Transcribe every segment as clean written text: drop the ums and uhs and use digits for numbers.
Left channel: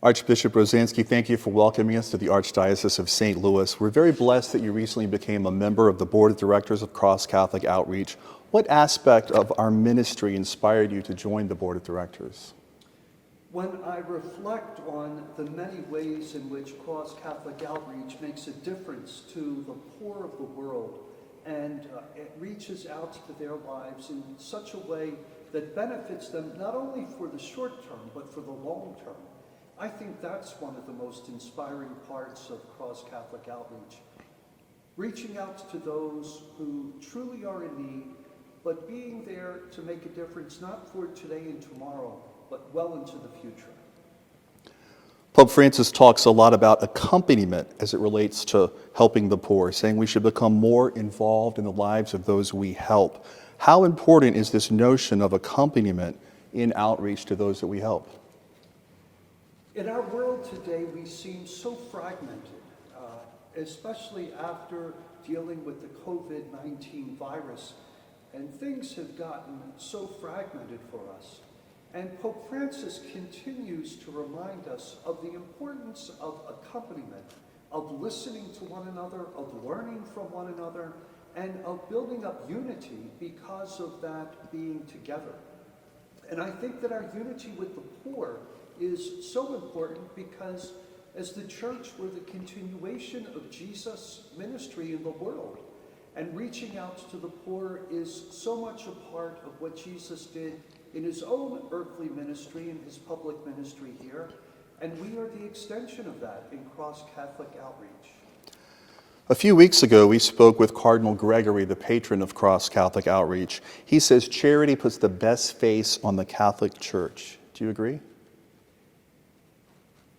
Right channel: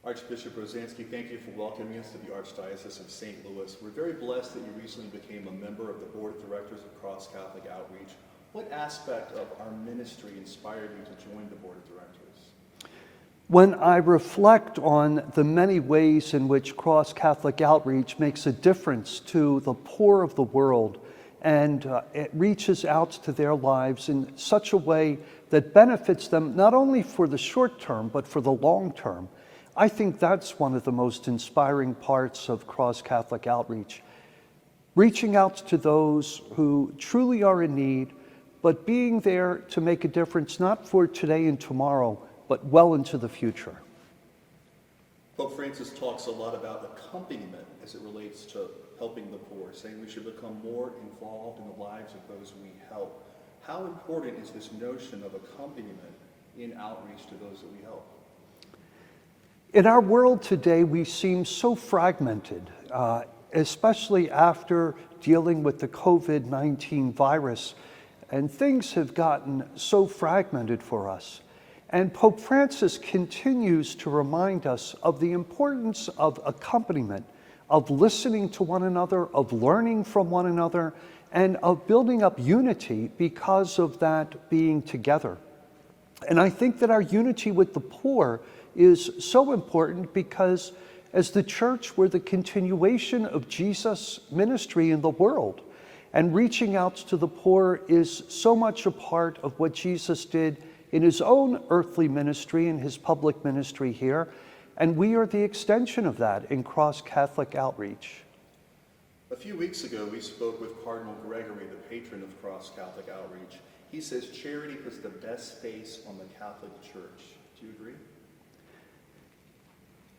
Archbishop Rozanski, thank you for welcoming us to the Archdiocese of St. Louis. We're very blessed that you recently became a member of the Board of Directors of Cross Catholic Outreach. What aspect of our ministry inspired you to join the Board of Directors? When I reflect on the many ways in which Cross Catholic Outreach makes a difference to the poor of the world, and it reaches out to their lives in such a way that benefits them not only for the short term, but for the long term, I think that's one of the most inspiring parts of Cross Catholic Outreach. Reaching out to those who truly are in need, but being there to make a difference not for today and tomorrow, but well into the future. Pope Francis talks a lot about accompaniment as it relates to helping the poor, saying we should become more involved in the lives of those we help. How important is this notion of accompaniment in outreach to those that we help? In our world today, we seem so fragmented, especially after dealing with the COVID-19 virus, and things have gotten so fragmented for us. And Pope Francis continues to remind us of the importance of accompaniment, of listening to one another, of learning from one another, and of building up unity because of that being together. And I think that our unity with the poor is so important because as the Church, we're the continuation of Jesus' ministry in the world. And reaching out to the poor is so much a part of what Jesus did in his own earthly ministry and his public ministry here. And we are the extension of that in Cross Catholic Outreach. A few weeks ago, we spoke with Cardinal Gregory, the patron of Cross Catholic Outreach. He says charity puts the best face on the Catholic Church. Do you agree?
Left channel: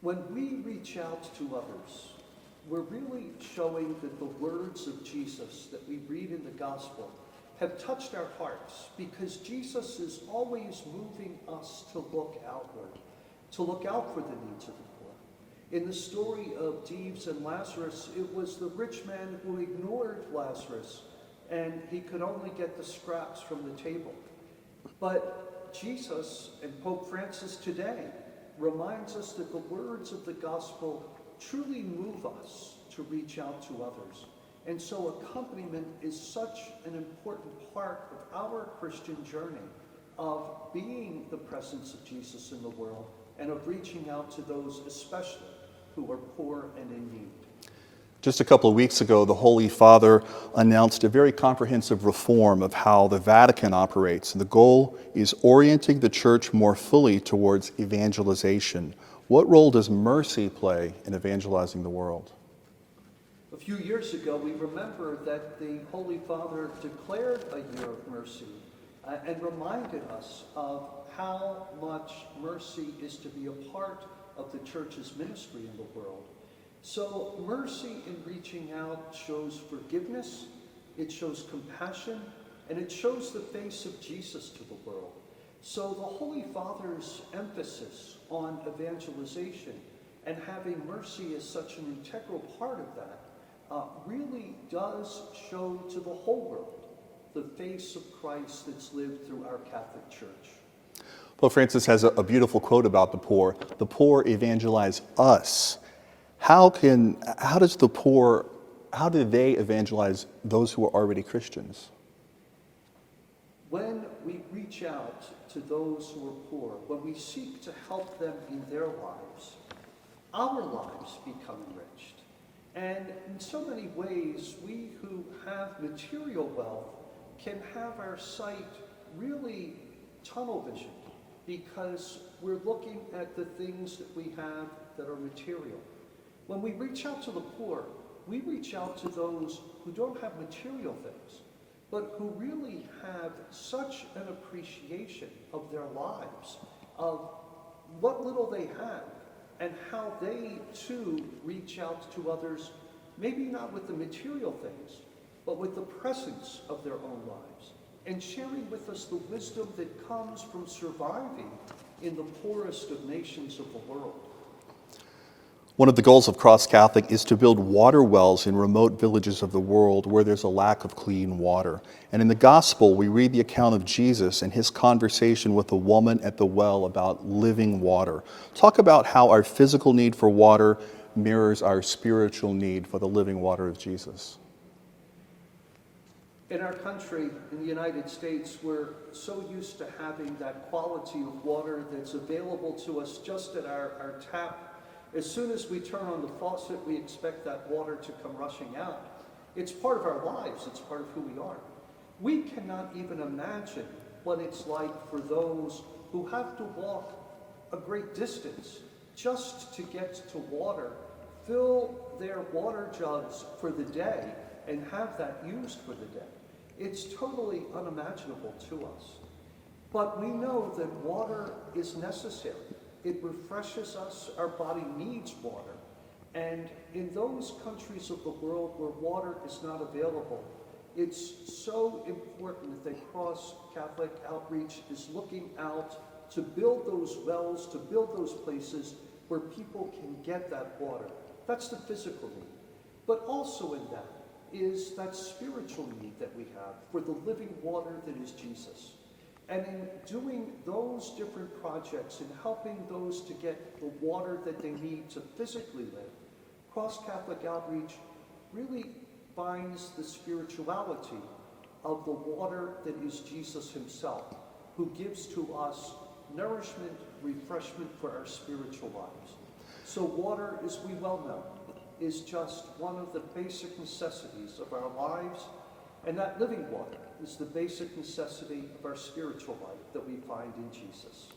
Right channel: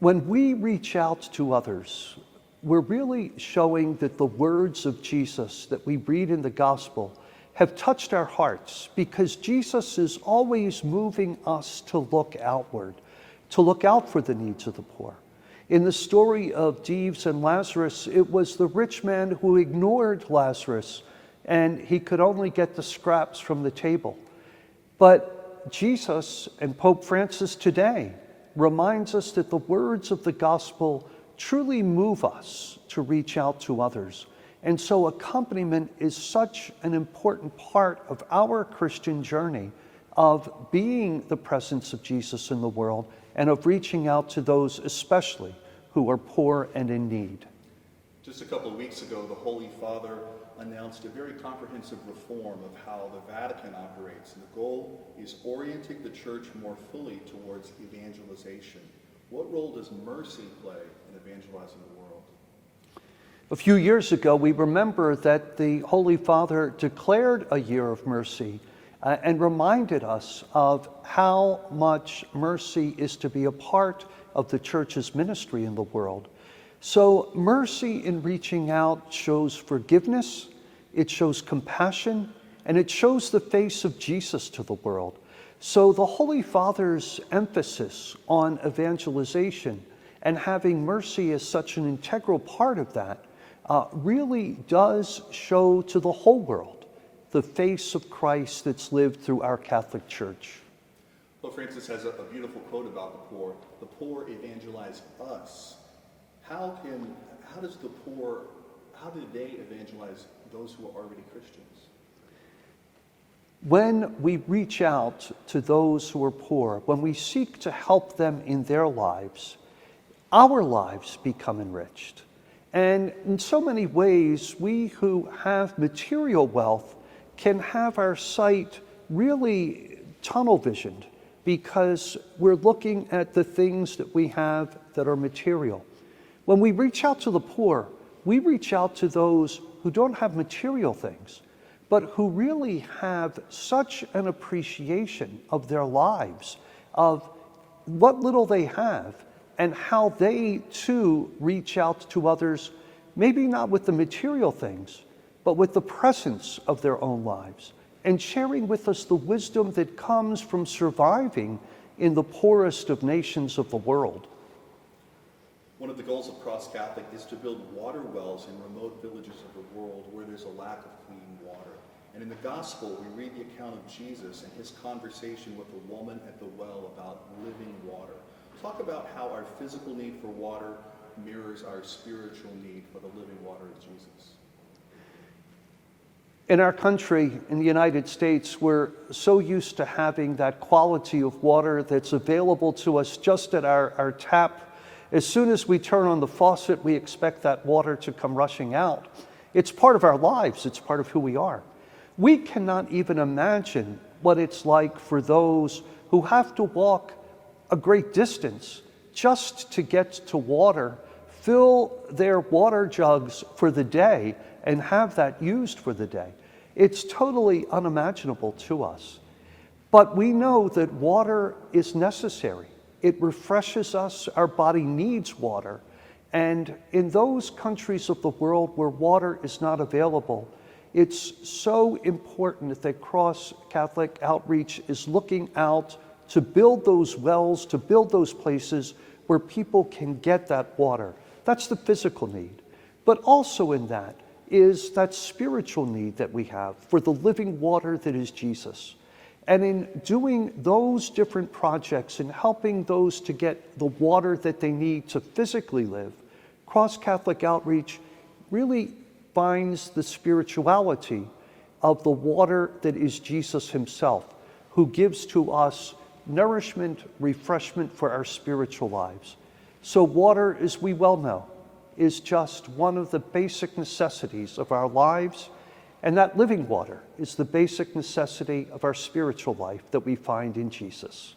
When we reach out to others, we're really showing that the words of Jesus that we read in the gospel have touched our hearts, because Jesus is always moving us to look outward, to look out for the needs of the poor. In the story of Dives and Lazarus, it was the rich man who ignored Lazarus, and he could only get the scraps from the table. But Jesus and Pope Francis today reminds us that the words of the gospel truly move us to reach out to others. And so accompaniment is such an important part of our Christian journey of being the presence of Jesus in the world and of reaching out to those especially who are poor and in need. Just a couple of weeks ago, the Holy Father announced a very comprehensive reform of how the Vatican operates. And the goal is orienting the Church more fully towards evangelization. What role does mercy play in evangelizing the world? A few years ago, we remember that the Holy Father declared a year of mercy and reminded us of how much mercy is to be a part of the Church's ministry in the world. So mercy in reaching out shows forgiveness, it shows compassion, and it shows the face of Jesus to the world. So the Holy Father's emphasis on evangelization and having mercy as such an integral part of that really does show to the whole world the face of Christ that's lived through our Catholic Church. Pope Francis has a beautiful quote about the poor. The poor evangelize us. How do they evangelize those who are already Christians? When we reach out to those who are poor, when we seek to help them in their lives, our lives become enriched. And in so many ways, we who have material wealth can have our sight really tunnel visioned because we're looking at the things that we have that are material. When we reach out to the poor, we reach out to those who don't have material things, but who really have such an appreciation of their lives, of what little they have, and how they too reach out to others, maybe not with the material things, but with the presence of their own lives, and sharing with us the wisdom that comes from surviving in the poorest of nations of the world. One of the goals of Cross Catholic is to build water wells in remote villages of the world where there's a lack of clean water. And in the gospel, we read the account of Jesus and his conversation with the woman at the well about living water. Talk about how our physical need for water mirrors our spiritual need for the living water of Jesus. In our country, in the United States, we're so used to having that quality of water that's available to us just at our tap. As soon as we turn on the faucet, we expect that water to come rushing out. It's part of our lives. It's part of who we are. We cannot even imagine what it's like for those who have to walk a great distance just to get to water, fill their water jugs for the day, and have that used for the day. It's totally unimaginable to us. But we know that water is necessary. It refreshes us. Our body needs water. And in those countries of the world where water is not available, it's so important that Cross Catholic Outreach is looking out to build those wells, to build those places where people can get that water. That's the physical need. But also in that is that spiritual need that we have for the living water that is Jesus. And in doing those different projects and helping those to get the water that they need to physically live, Cross Catholic Outreach really finds the spirituality of the water that is Jesus himself, who gives to us nourishment, refreshment for our spiritual lives. So water, as we well know, is just one of the basic necessities of our lives, and that living water is the basic necessity of our spiritual life that we find in Jesus.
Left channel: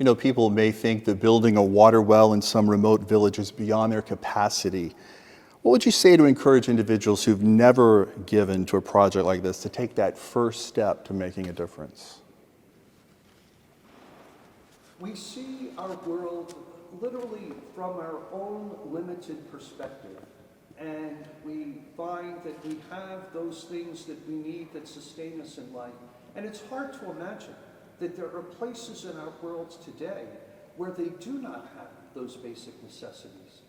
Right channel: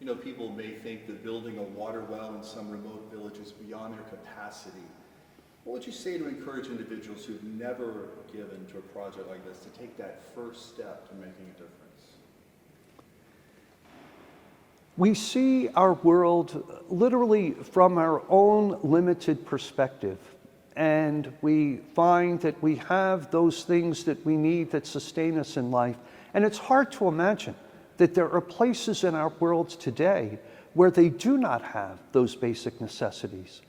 You know, people may think that building a water well in some remote village is beyond their capacity. What would you say to encourage individuals who've never given to a project like this to take that first step to making a difference? We see our world literally from our own limited perspective, and we find that we have those things that we need that sustain us in life. And it's hard to imagine that there are places in our world today where they do not have those basic necessities.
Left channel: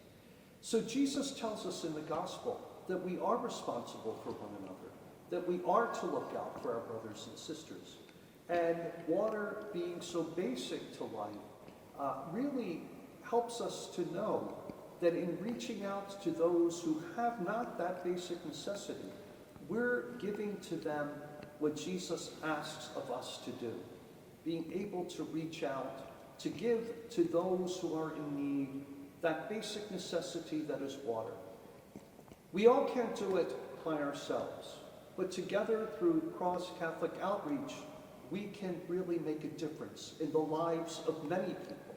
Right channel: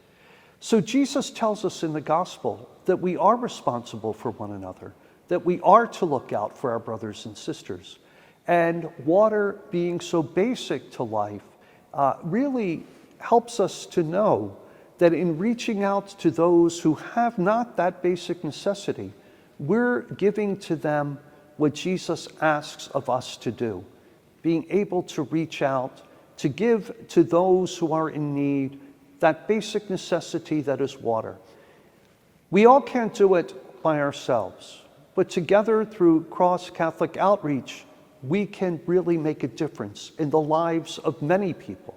So Jesus tells us in the gospel that we are responsible for one another, that we are to look out for our brothers and sisters. And water being so basic to life really helps us to know that in reaching out to those who have not that basic necessity, we're giving to them what Jesus asks of us to do, being able to reach out, to give to those who are in need that basic necessity that is water. We all can't do it by ourselves, but together through Cross Catholic Outreach, we can really make a difference in the lives of many people,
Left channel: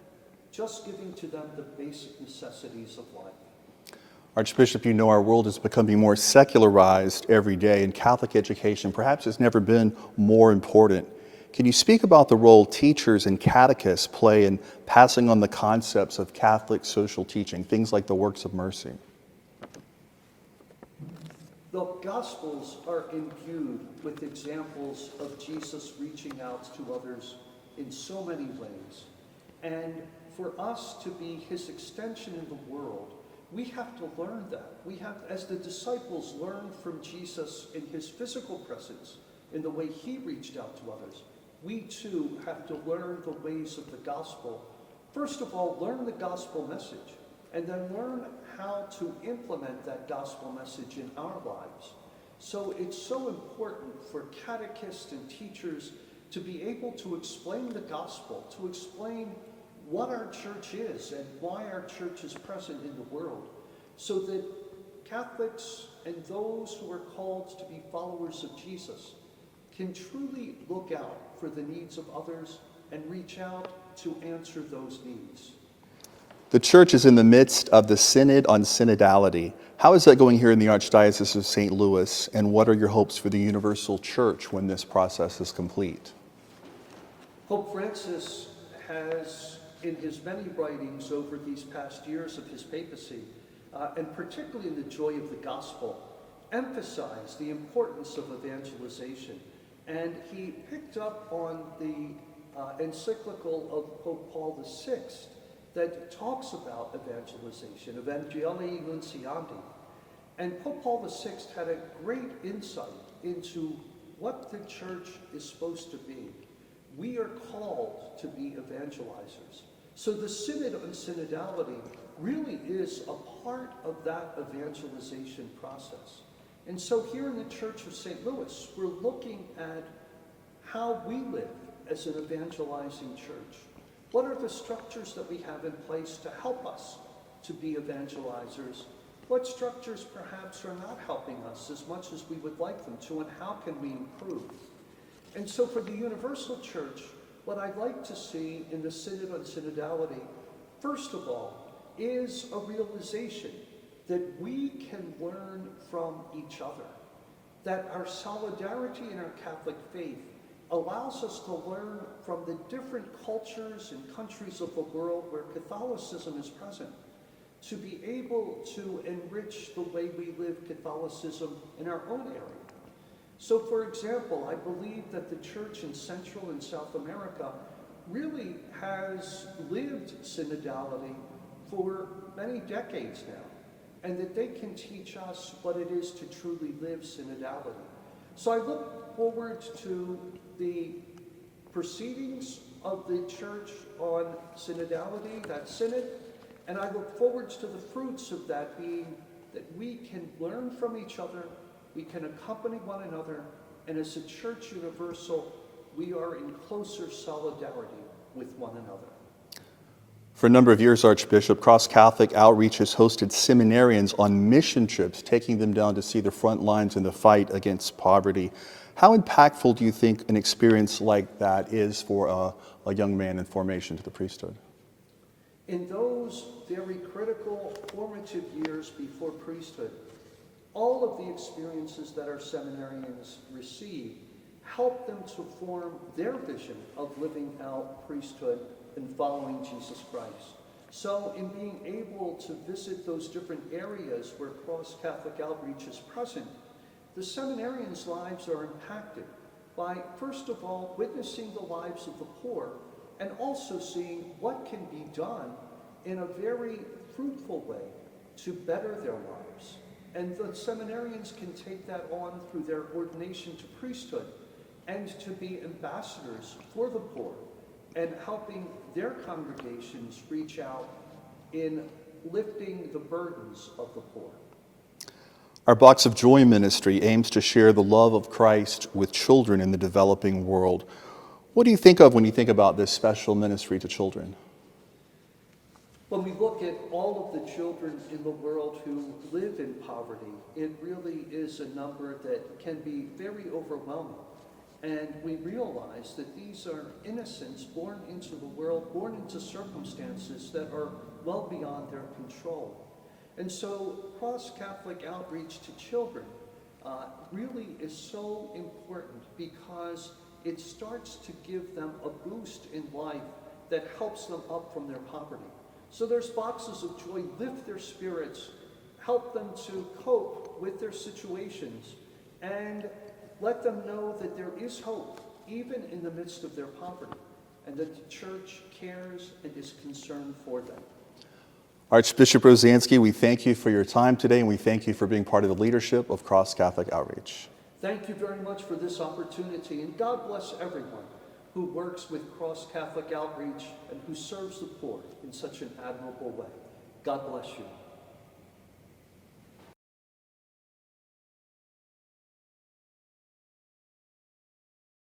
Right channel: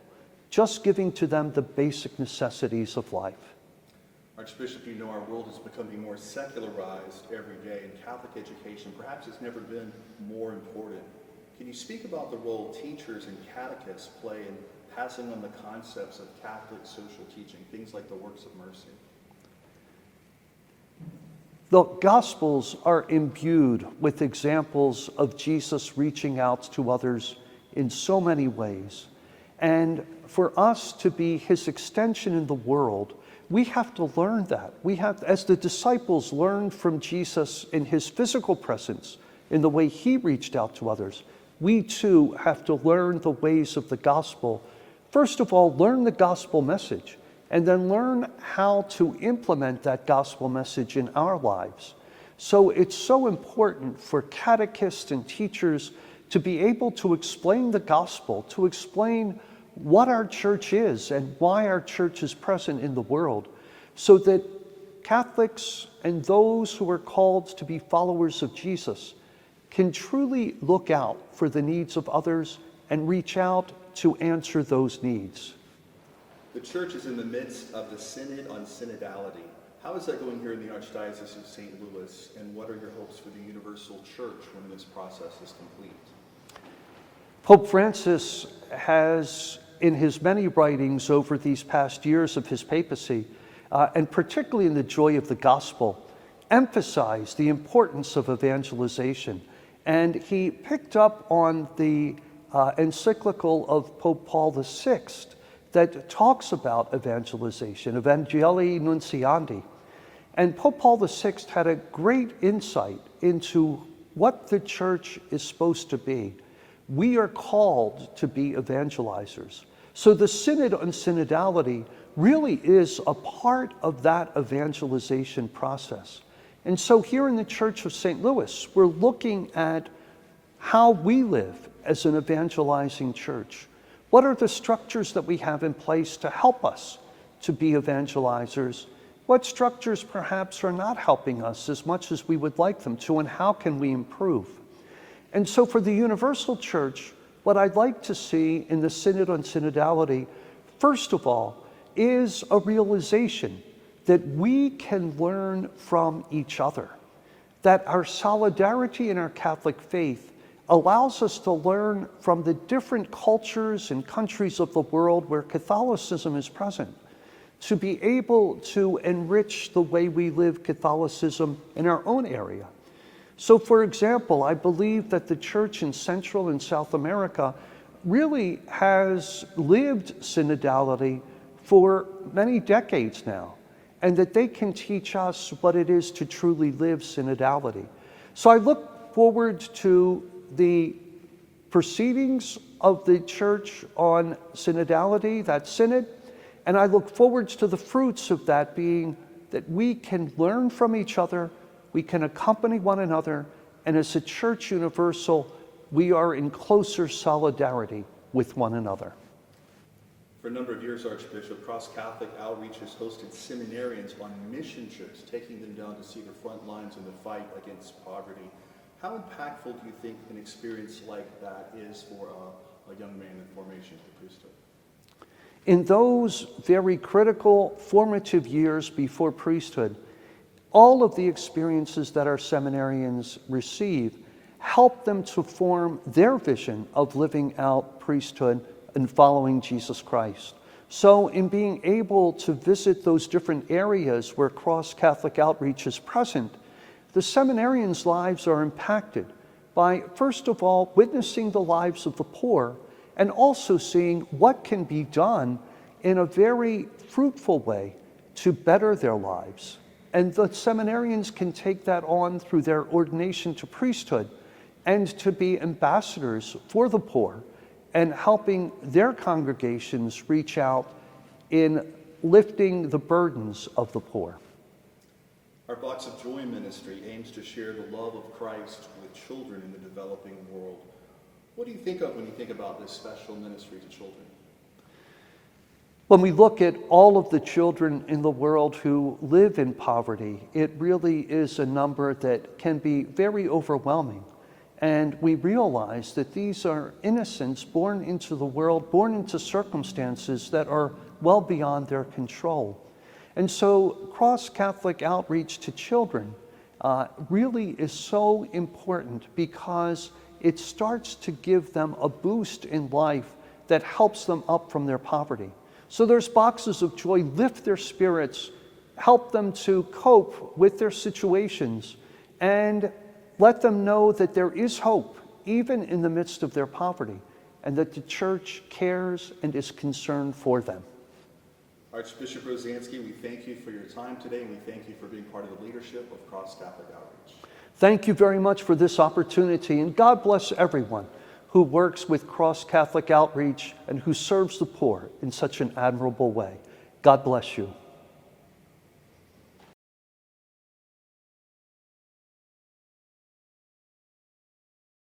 just giving to them the basic necessities of life. Archbishop, you know our world is becoming more secularized every day, and Catholic education perhaps has never been more important. Can you speak about the role teachers and catechists play in passing on the concepts of Catholic social teaching, things like the works of mercy? The Gospels are imbued with examples of Jesus reaching out to others in so many ways. And for us to be his extension in the world, we have to learn that. We have, as the disciples learned from Jesus in his physical presence, in the way he reached out to others, we too have to learn the ways of the gospel. First of all, learn the gospel message, and then learn how to implement that gospel message in our lives. So it's so important for catechists and teachers to be able to explain the gospel, to explain what our church is and why our church is present in the world, so that Catholics and those who are called to be followers of Jesus can truly look out for the needs of others and reach out to answer those needs. The church is in the midst of the Synod on Synodality. How is that going here in the Archdiocese of St. Louis, and what are your hopes for the universal church when this process is complete? Pope Francis has, in his many writings over these past years of his papacy, and particularly in the Joy of the Gospel, emphasized the importance of evangelization. And he picked up on the encyclical of Pope Paul VI that talks about evangelization, Evangelii Nunciandi. And Pope Paul VI had a great insight into what the church is supposed to be. We are called to be evangelizers. So the Synod on Synodality really is a part of that evangelization process. And so here in the Church of St. Louis, we're looking at how we live as an evangelizing church. What are the structures that we have in place to help us to be evangelizers? What structures perhaps are not helping us as much as we would like them to, and how can we improve? And so for the universal church, what I'd like to see in the Synod on Synodality, first of all, is a realization that we can learn from each other, that our solidarity in our Catholic faith allows us to learn from the different cultures and countries of the world where Catholicism is present, to be able to enrich the way we live Catholicism in our own area. So for example, I believe that the church in Central and South America really has lived synodality for many decades now, and that they can teach us what it is to truly live synodality. So I look forward to the proceedings of the church on synodality, that synod, and I look forward to the fruits of that being that we can learn from each other, we can accompany one another, and as a church universal, we are in closer solidarity with one another. For a number of years, Archbishop, Cross Catholic Outreach has hosted seminarians on mission trips, taking them down to see the front lines in the fight against poverty. How impactful do you think an experience like that is for a young man in formation to the priesthood? In those very critical, formative years before priesthood, all of the experiences that our seminarians receive help them to form their vision of living out priesthood and following Jesus Christ. So in being able to visit those different areas where Cross Catholic Outreach is present, the seminarians' lives are impacted by, first of all, witnessing the lives of the poor, and also seeing what can be done in a very fruitful way to better their lives. And the seminarians can take that on through their ordination to priesthood and to be ambassadors for the poor and helping their congregations reach out in lifting the burdens of the poor. Our Box of Joy ministry aims to share the love of Christ with children in the developing world. What do you think of when you think about this special ministry to children? When we look at all of the children in the world who live in poverty, it really is a number that can be very overwhelming. And we realize that these are innocents born into the world, born into circumstances that are well beyond their control. And so Cross Catholic Outreach to children really is so important because it starts to give them a boost in life that helps them up from their poverty. So there's boxes of joy, lift their spirits, help them to cope with their situations, and let them know that there is hope, even in the midst of their poverty, and that the church cares and is concerned for them. Archbishop Rozanski, we thank you for your time today, and we thank you for being part of the leadership of Cross Catholic Outreach. Thank you very much for this opportunity, and God bless everyone who works with Cross Catholic Outreach and who serves the poor in such an admirable way. God bless you.